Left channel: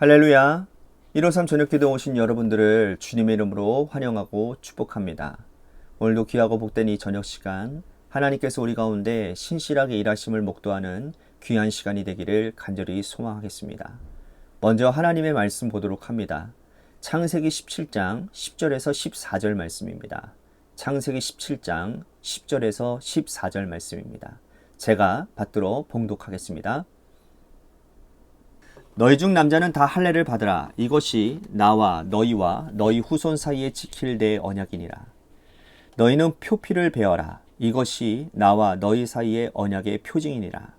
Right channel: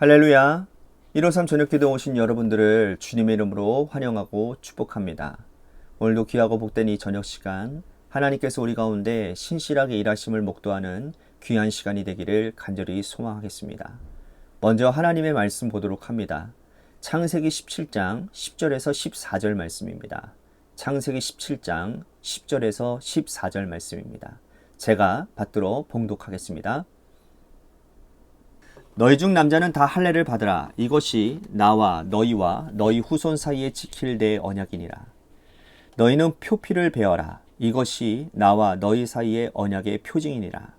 할렐루야. 153 저녁기도 오신 여러분들을 주님의 이름으로 환영하고 축복합니다. 오늘도 귀하고 복된 이 저녁 시간 하나님께서 우리 가운데 신실하게 일하심을 목도하는 귀한 시간이 되기를 간절히 소망하겠습니다. 먼저 하나님의 말씀 보도록 합니다. 창세기 17장 10절에서 14절 말씀입니다. 창세기 17장 10절에서 14절 말씀입니다. 제가 받들어 봉독하겠습니다. 너희 중 남자는 다 할례를 받으라. 이것이 나와 너희와 너희 후손 사이에 지킬 내 언약이니라. 너희는 표피를 베어라. 이것이 나와 너희 사이의 언약의 표징이니라.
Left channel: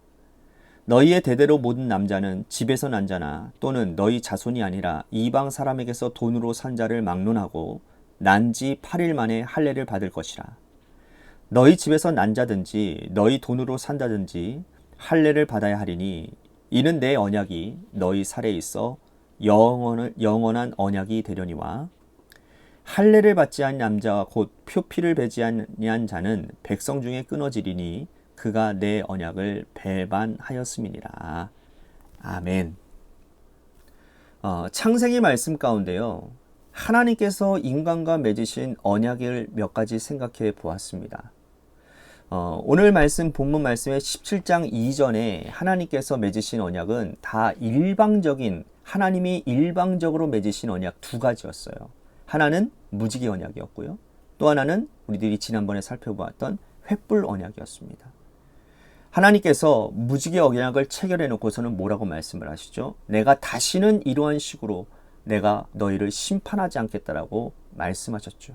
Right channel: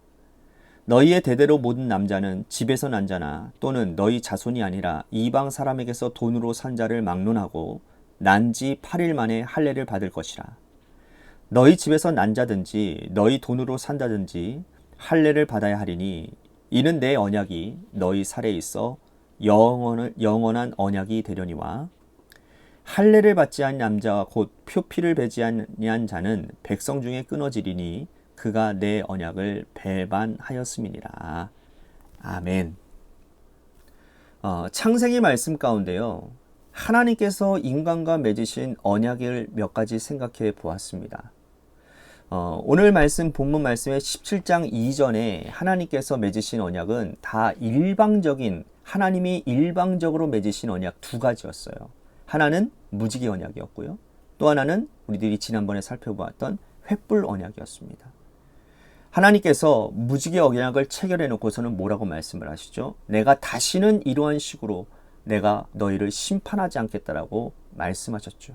너희의 대대로 모든 남자는 집에서 난 자나 또는 너희 자손이 아니라 이방 사람에게서 돈으로 산 자를 막론하고 난 지 8일 만에 할례를 받을 것이라. 너희 집에서 난 자든지 너희 돈으로 산다든지 할례를 받아야 하리니 이는 내 언약이 너희 살에 있어 영원한 언약이 되려니와 할례를 받지 않은 남자와 곧 표피를 베지 아니한 자는 백성 중에 끊어지리니 그가 내 언약을 배반하였음이니라. 아멘. 창세기 말씀 가운데요, 하나님께서 인간과 맺으신 언약을 몇 가지 생각해 보았습니다. 오늘 말씀 본문 말씀의 17장 이전에 하나님께서 맺으신 언약은 다 하나님이 일방적으로 맺으신 언약 두 가지였어요. 하나는 무지개 언약이었고요. 또 하나는 우리들이 지난번에 살펴보았던 횃불 언약이었습니다. 하나님께서 무지개 언약을 체결해 놓고서는 뭐라고 말씀을 하시죠? 내가 다시는 이러한 식으로 내가 너희를 심판하지 않겠다라고 말씀하셨죠.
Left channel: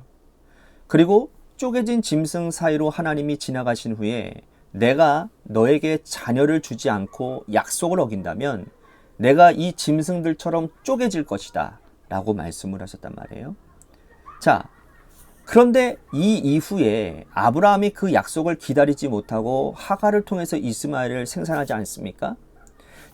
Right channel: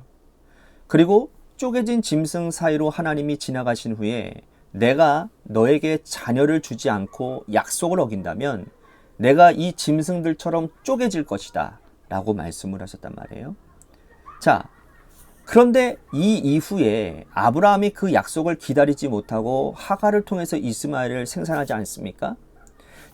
그리고 쪼개진 짐승 사이로 하나님이 지나가신 후에 내가 너에게 자녀를 주지 않고 약속을 어긴다면 내가 이 짐승들처럼 쪼개질 것이다 라고 말씀을 하셨단 말이에요. 자, 그런데 이 이후에 아브라함이 그 약속을 기다리지 못하고 하갈을 통해서 이스마엘을 생산하지 않습니까?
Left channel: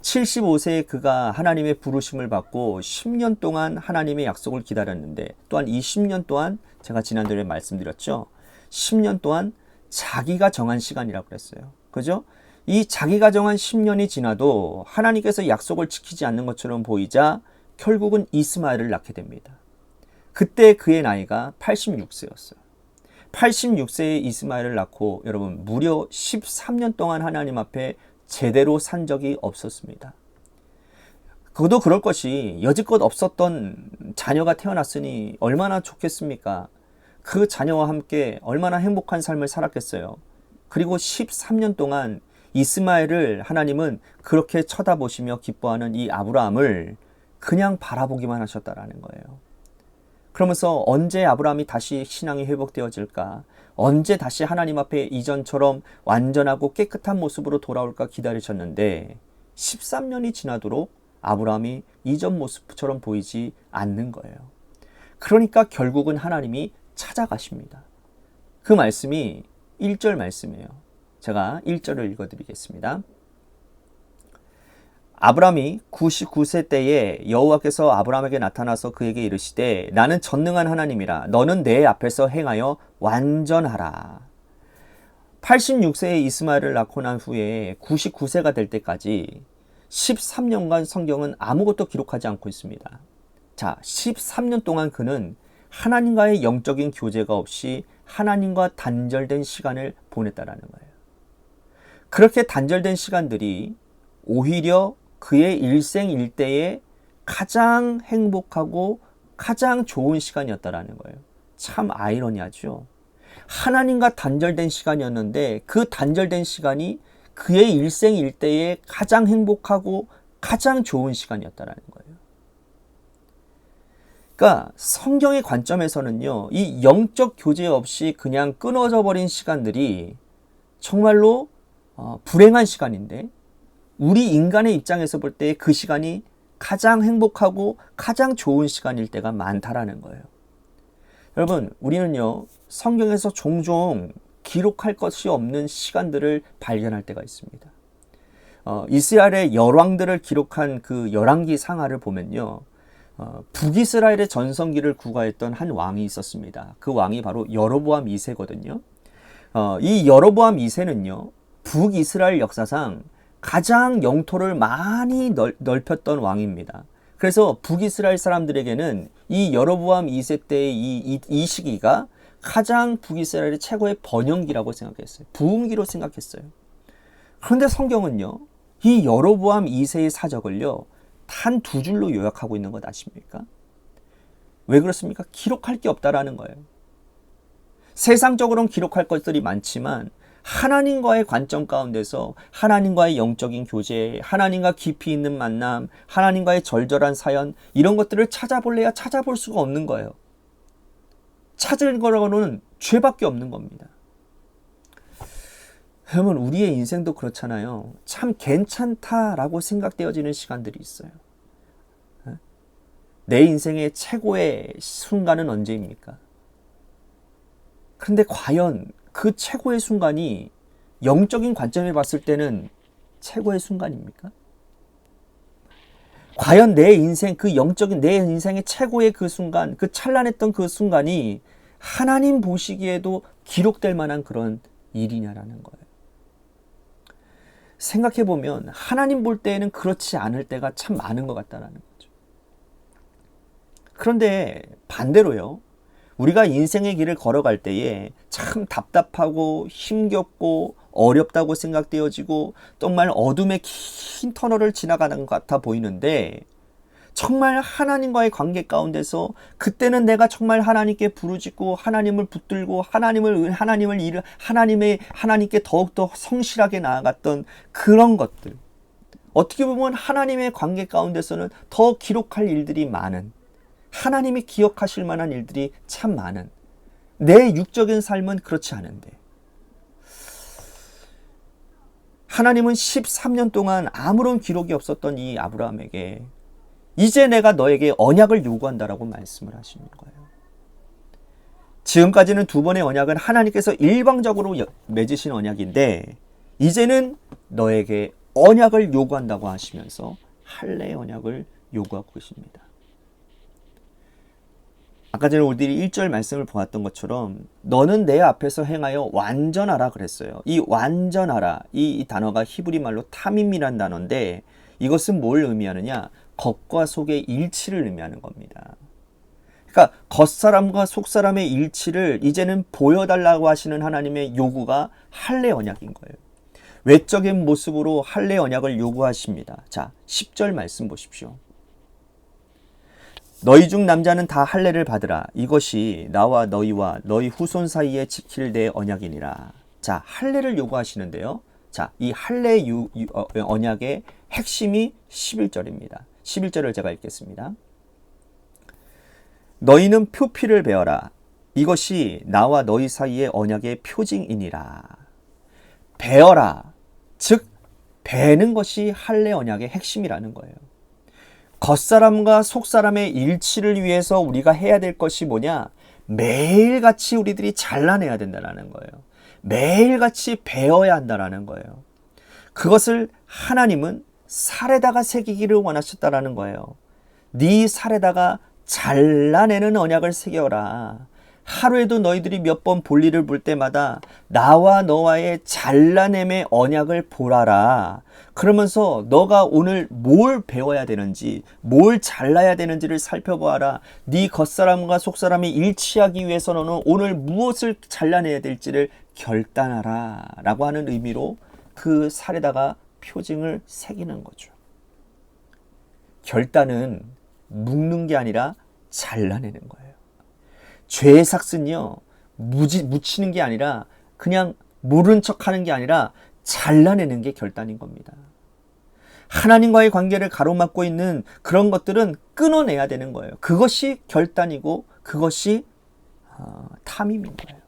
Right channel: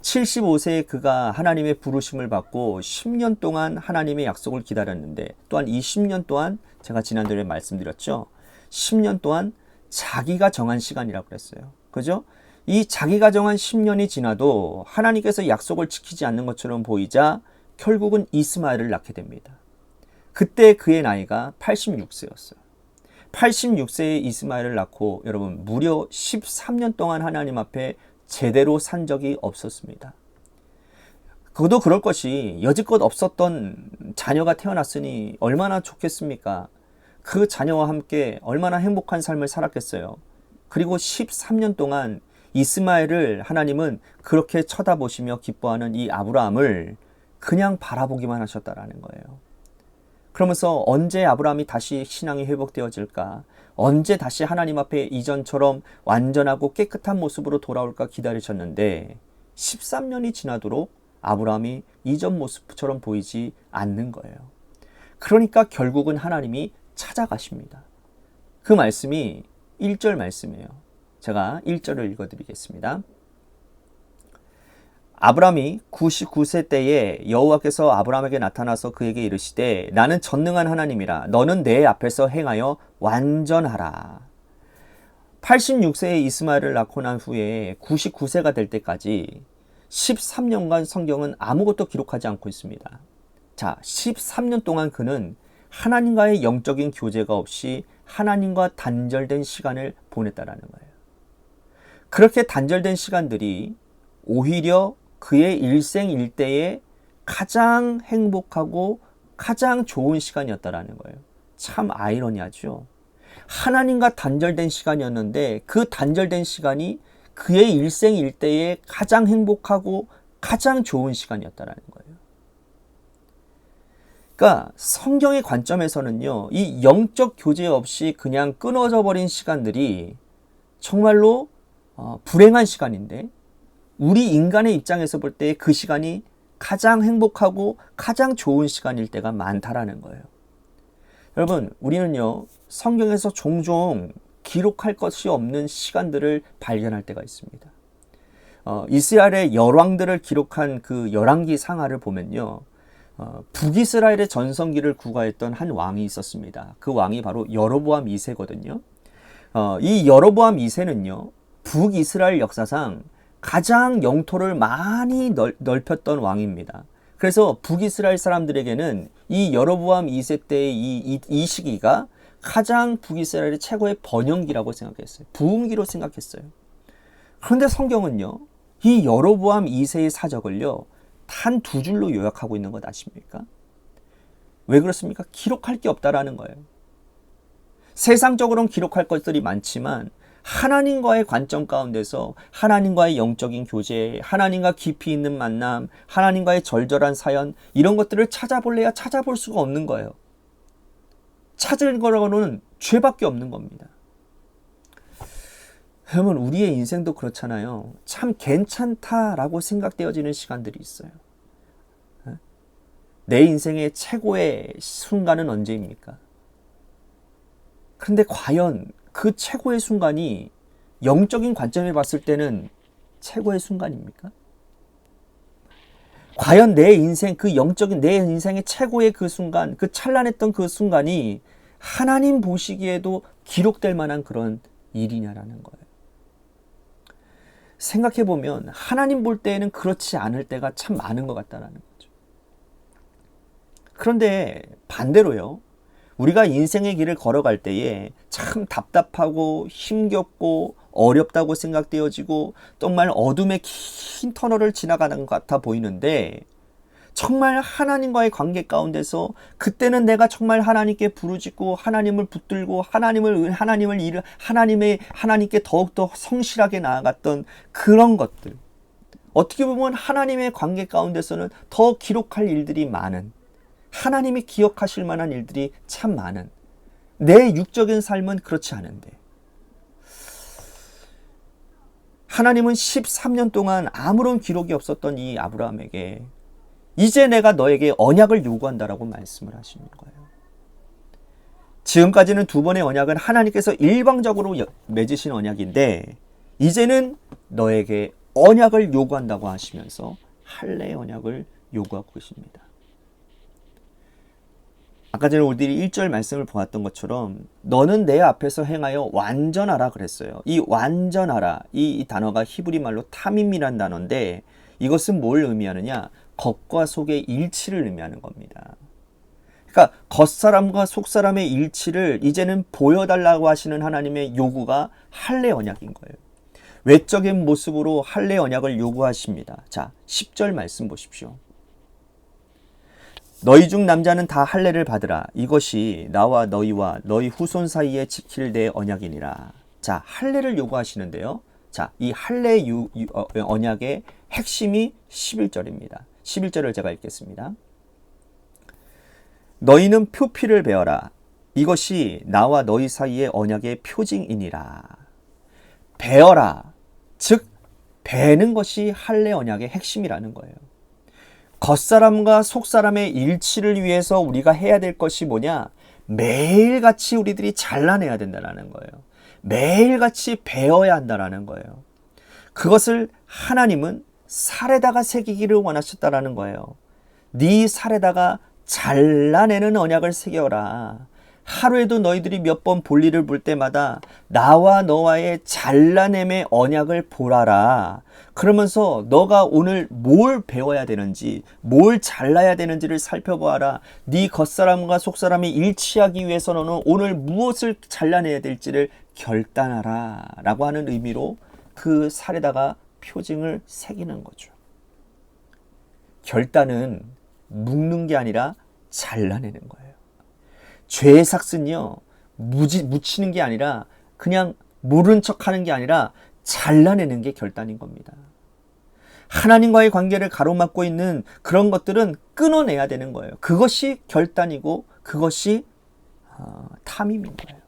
75세에 그가 하나님의 부르심을 받고 10년 동안 하나님의 약속을 기다렸는데, 또한 이 10년 동안 제가 지난주에 말씀드렸죠. 10년 동안 자기가 정한 시간이라고 그랬어요. 그죠? 이 자기가 정한 10년이 지나도 하나님께서 약속을 지키지 않는 것처럼 보이자 결국은 이스마엘을 낳게 됩니다. 그때 그의 나이가 86세였어요. 86세에 이스마엘을 낳고 여러분 무려 13년 동안 하나님 앞에 제대로 산 적이 없었습니다. 그도 그럴 것이 여지껏 없었던 자녀가 태어났으니 얼마나 좋겠습니까? 그 자녀와 함께 얼마나 행복한 삶을 살았겠어요. 그리고 13년 동안 이스마엘을 하나님은 그렇게 쳐다보시며 기뻐하는 이 아브라함을 그냥 바라보기만 하셨다라는 거예요. 그러면서 언제 아브라함이 다시 신앙이 회복되어질까? 언제 다시 하나님 앞에 이전처럼 완전하고 깨끗한 모습으로 돌아올까 기다리셨는데 13년이 지나도록 아브라함이 이전 모습처럼 보이지 않는 거예요. 그러니까 결국은 하나님이 찾아가십니다. 그 말씀이 1절 말씀이에요. 제가 1절을 읽어드리겠습니다. 아브라함이 99세 때에 여호와께서 아브라함에게 나타나서 그에게 이르시되 나는 전능한 하나님이라 너는 내 앞에서 행하여 완전하라. 86세에 이스마엘을 낳고 난 후에 99세가 될 때까지 13년간 성경은 아무것도 기록하지 않고 있습니다. 자, 13년 동안 그는 하나님과의 영적인 교제가 없이 하나님과 단절된 시간을 보냈다라는 거예요. 그렇게 단절된 시간들이 오히려 그의 일생일대에 가장 행복하고 가장 좋은 시간이었다라는 거예요. 참 아이러니하죠. 하나님과 단절된 시간이었는데 그 단절된 시간이 그의 일생일대에 가장 행복하고 가장 좋은 시간이었다라는 거예요. 그러니까 성경의 관점에서는요, 이 영적 교제 없이 그냥 끊어져 버린 시간들이 정말로 불행한 시간인데 우리 인간의 입장에서 볼 때 그 시간이 가장 행복하고 가장 좋은 시간일 때가 많다라는 거예요. 여러분, 우리는요, 성경에서 종종 기록할 것이 없는 시간들을 발견할 때가 있습니다. 이스라엘의 열왕들을 기록한 그 열왕기 상하를 보면요, 북이스라엘의 전성기를 구가했던 한 왕이 있었습니다. 그 왕이 바로 여로보암 2세거든요. 이 여로보암 2세는요, 북이스라엘 역사상 가장 영토를 많이 넓혔던 왕입니다. 그래서 북이스라엘 사람들에게는 이 여로보암 2세 때의 이 시기가 가장 북이스라엘의 최고의 번영기라고 생각했어요. 부흥기로 생각했어요. 그런데 성경은요, 이 여로보암 2세의 사적을요, 단 2줄로 요약하고 있는 것 아십니까? 왜 그렇습니까? 기록할 게 없다라는 거예요. 세상적으로는 기록할 것들이 많지만 하나님과의 관점 가운데서 하나님과의 영적인 교제, 하나님과 깊이 있는 만남, 하나님과의 절절한 사연, 이런 것들을 찾아볼래야 찾아볼 수가 없는 거예요. 찾을 거라고는 죄밖에 없는 겁니다. 여러분, 우리의 인생도 그렇잖아요. 참 괜찮다라고 생각되어지는 시간들이 있어요. 내 인생의 최고의 순간은 언제입니까? 그런데 과연 그 최고의 순간이 영적인 관점에 봤을 때는 최고의 순간입니까? 과연 내 인생, 그 영적인 내 인생의 최고의 그 순간, 그 찬란했던 그 순간이 하나님 보시기에도 기록될 만한 그런 일이냐라는 거예요. 생각해보면 하나님 볼 때에는 그렇지 않을 때가 참 많은 것 같다는 거죠. 그런데 반대로요, 우리가 인생의 길을 걸어갈 때에 참 답답하고 힘겹고 어렵다고 생각되어지고 정말 어둠의 긴 터널을 지나가는 것 같아 보이는데, 정말 하나님과의 관계 가운데서 그때는 내가 정말 하나님께 부르짖고 하나님을 붙들고 하나님께 더욱더 성실하게 나아갔던 그런 것들, 어떻게 보면 하나님의 관계 가운데서는 더 기록할 일들이 많은, 하나님이 기억하실 만한 일들이 참 많은, 내 육적인 삶은 그렇지 않은데 하나님은 13년 동안 아무런 기록이 없었던 이 아브라함에게 이제 내가 너에게 언약을 요구한다라고 말씀을 하시는 거예요. 지금까지는 2번의 언약은 하나님께서 일방적으로 맺으신 언약인데, 이제는 너에게 언약을 요구한다고 하시면서 할례의 언약을 요구하고 계십니다. 아까 전에 우리들이 1절 말씀을 보았던 것처럼 너는 내 앞에서 행하여 완전하라 그랬어요. 이 완전하라, 이 단어가 히브리 말로 타밈이란 단어인데, 이것은 뭘 의미하느냐? 겉과 속의 일치를 의미하는 겁니다. 그러니까 겉사람과 속사람의 일치를 이제는 보여달라고 하시는 하나님의 요구가 할례 언약인 거예요. 외적인 모습으로 할례 언약을 요구하십니다. 자, 10절 말씀 보십시오. 너희 중 남자는 다 할례를 받으라. 이것이 나와 너희와 너희 후손 사이에 지킬 내 언약이니라. 자, 할례를 요구하시는데요. 자, 이 할례 언약의 핵심이 11절입니다. 11절을 제가 읽겠습니다. 너희는 표피를 베어라. 이것이 나와 너희 사이의 언약의 표징이니라. 베어라. 즉 베는 것이 할례 언약의 핵심이라는 거예요. 겉사람과 속사람의 일치를 위해서 우리가 해야 될 것이 뭐냐? 매일같이 우리들이 잘라내야 된다는 거예요. 매일같이 베어야 한다는 거예요. 그것을 하나님은 살에다가 새기기를 원하셨다라는 거예요. 네 살에다가 잘라내는 언약을 새겨라. 하루에도 너희들이 몇 번 볼일을 볼 때마다 나와 너와의 잘라냄의 언약을 보라라. 그러면서 너가 오늘 뭘 배워야 되는지, 뭘 잘라야 되는지를 살펴보아라. 네 겉사람과 속사람이 일치하기 위해서 너는 오늘 무엇을 잘라내야 될지를 결단하라 라고 하는 의미로 그 살에다가 표징을 새기는 거죠. 결단은 묶는 게 아니라 잘라내는 거예요. 죄의 삭은요, 묻히는 게 아니라, 그냥 모른 척 하는 게 아니라 잘라내는 게 결단인 겁니다. 하나님과의 관계를 가로막고 있는 그런 것들은 끊어내야 되는 거예요. 그것이 결단이고 그것이 탐임인 거예요.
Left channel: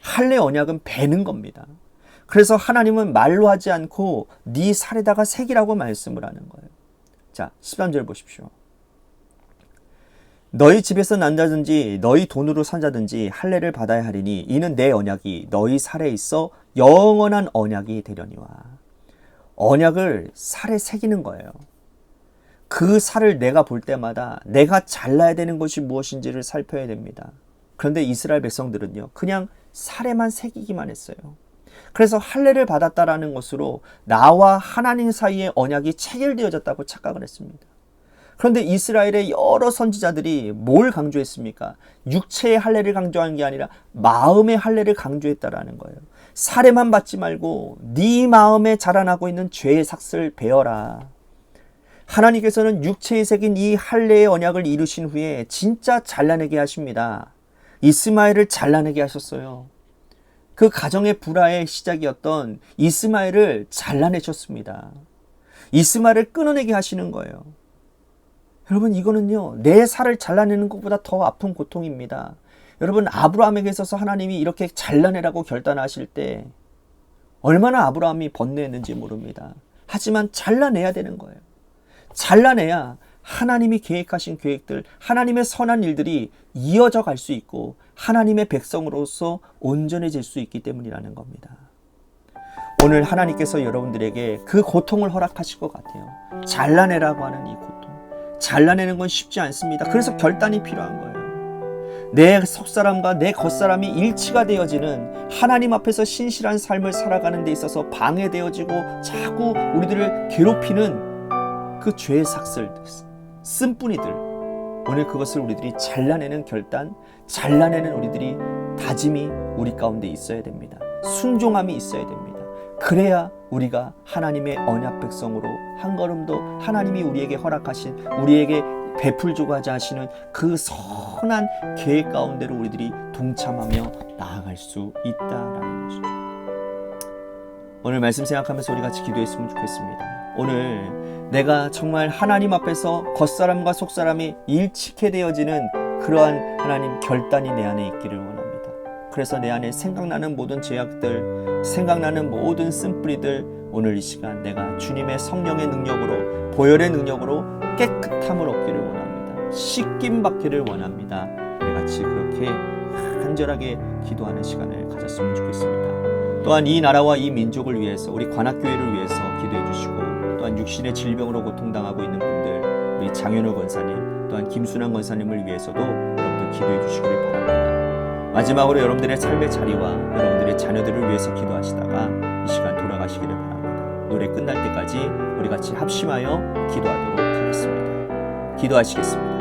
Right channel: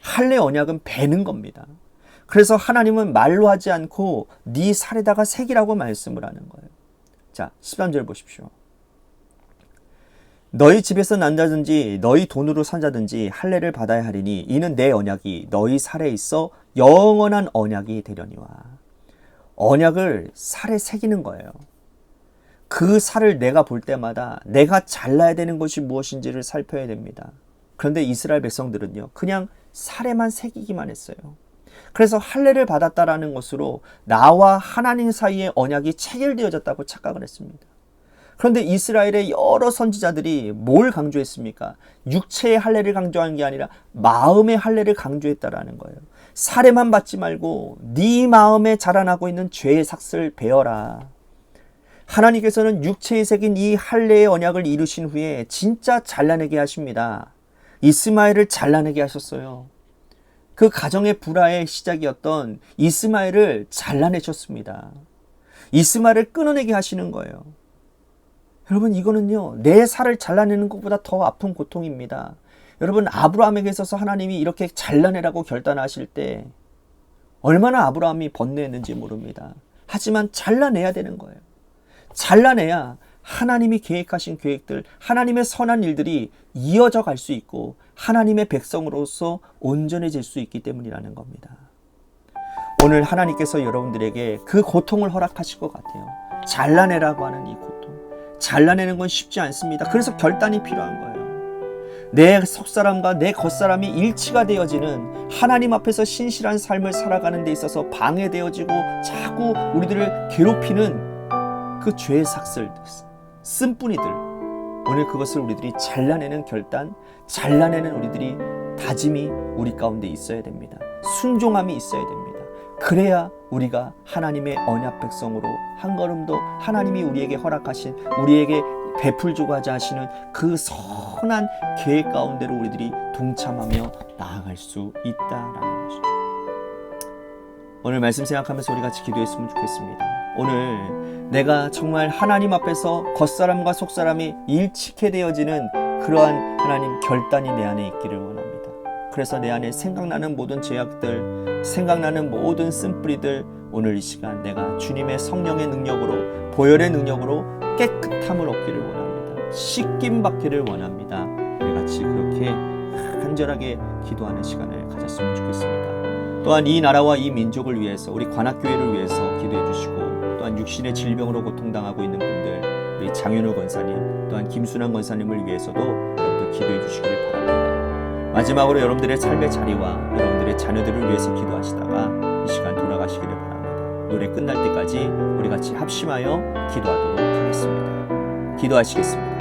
할례 언약은 베는 겁니다. 그래서 하나님은 말로 하지 않고 네 살에다가 새기라고 말씀을 하는 거예요. 자, 13절 보십시오. 너희 집에서 난다든지 너희 돈으로 산다든지 할례를 받아야 하리니 이는 내 언약이 너희 살에 있어 영원한 언약이 되려니와. 언약을 살에 새기는 거예요. 그 살을 내가 볼 때마다 내가 잘라야 되는 것이 무엇인지를 살펴야 됩니다. 그런데 이스라엘 백성들은요, 그냥 살에만 새기기만 했어요. 그래서 할례를 받았다라는 것으로 나와 하나님 사이의 언약이 체결되어졌다고 착각을 했습니다. 그런데 이스라엘의 여러 선지자들이 뭘 강조했습니까? 육체의 할례를 강조한 게 아니라 마음의 할례를 강조했다라는 거예요. 살해만 받지 말고 네 마음에 자라나고 있는 죄의 삭슬 베어라. 하나님께서는 육체에 새긴 이 할례의 언약을 이루신 후에 진짜 잘라내게 하십니다. 이스마엘을 잘라내게 하셨어요. 그 가정의 불화의 시작이었던 이스마엘을 잘라내셨습니다. 이스마엘을 끊어내게 하시는 거예요. 여러분, 이거는요, 내 살을 잘라내는 것보다 더 아픈 고통입니다. 여러분, 아브라함에게 있어서 하나님이 이렇게 잘라내라고 결단하실 때 얼마나 아브라함이 번뇌했는지 모릅니다. 하지만 잘라내야 되는 거예요. 잘라내야 하나님이 계획하신 계획들, 하나님의 선한 일들이 이어져 갈 수 있고 하나님의 백성으로서 온전해질 수 있기 때문이라는 겁니다. 오늘 하나님께서 여러분들에게 그 고통을 허락하실 것 같아요. 잘라내라고 하는 이 고통. 잘라내는 건 쉽지 않습니다. 그래서 결단이 필요한 거예요. 내 속사람과 내 겉사람이 일치가 되어지는 하나님 앞에서 신실한 삶을 살아가는 데 있어서 방해되어지고 자꾸 우리들을 괴롭히는 그 죄의 삭슬, 쓴뿌리들, 오늘 그것을 우리들이 잘라내는 결단, 잘라내는 우리들이 다짐이 우리 가운데 있어야 됩니다. 순종함이 있어야 됩니다. 그래야 우리가 하나님의 언약 백성으로 한 걸음도 하나님이 우리에게 허락하신, 우리에게 베풀고자 하시는 그 선한 계획 가운데로 우리들이 동참하며 나아갈 수 있다라는 것이죠. 오늘 말씀 생각하면서 우리 같이 기도했으면 좋겠습니다. 오늘 내가 정말 하나님 앞에서 겉사람과 속사람이 일치케 되어지는 그러한 하나님 결단이 내 안에 있기를 원합니다. 그래서 내 안에 생각나는 모든 죄악들, 생각나는 모든 쓴뿌리들, 오늘 이 시간 내가 주님의 성령의 능력으로, 보혈의 능력으로 깨끗함을 얻기를 원합니다. 씻김 받기를 원합니다. 우리 같이 그렇게 간절하게 기도하는 시간을 가졌으면 좋겠습니다. 또한 이 나라와 이 민족을 위해서, 우리 관악교회를 위해서 기도해 주시고, 또한 육신의 질병으로 고통당하고 있는 분들, 우리 장윤호 권사님, 또한 김순환 권사님을 위해서도 여러분들 기도해 주시기를 바랍니다. 마지막으로 여러분들의 삶의 자리와 여러분들의 자녀들을 위해서 기도하시다가 이 시간 돌아가시기를 바랍니다. 노래 끝날 때까지 우리 같이 합심하여 기도하도록 하겠습니다. 기도하시겠습니다.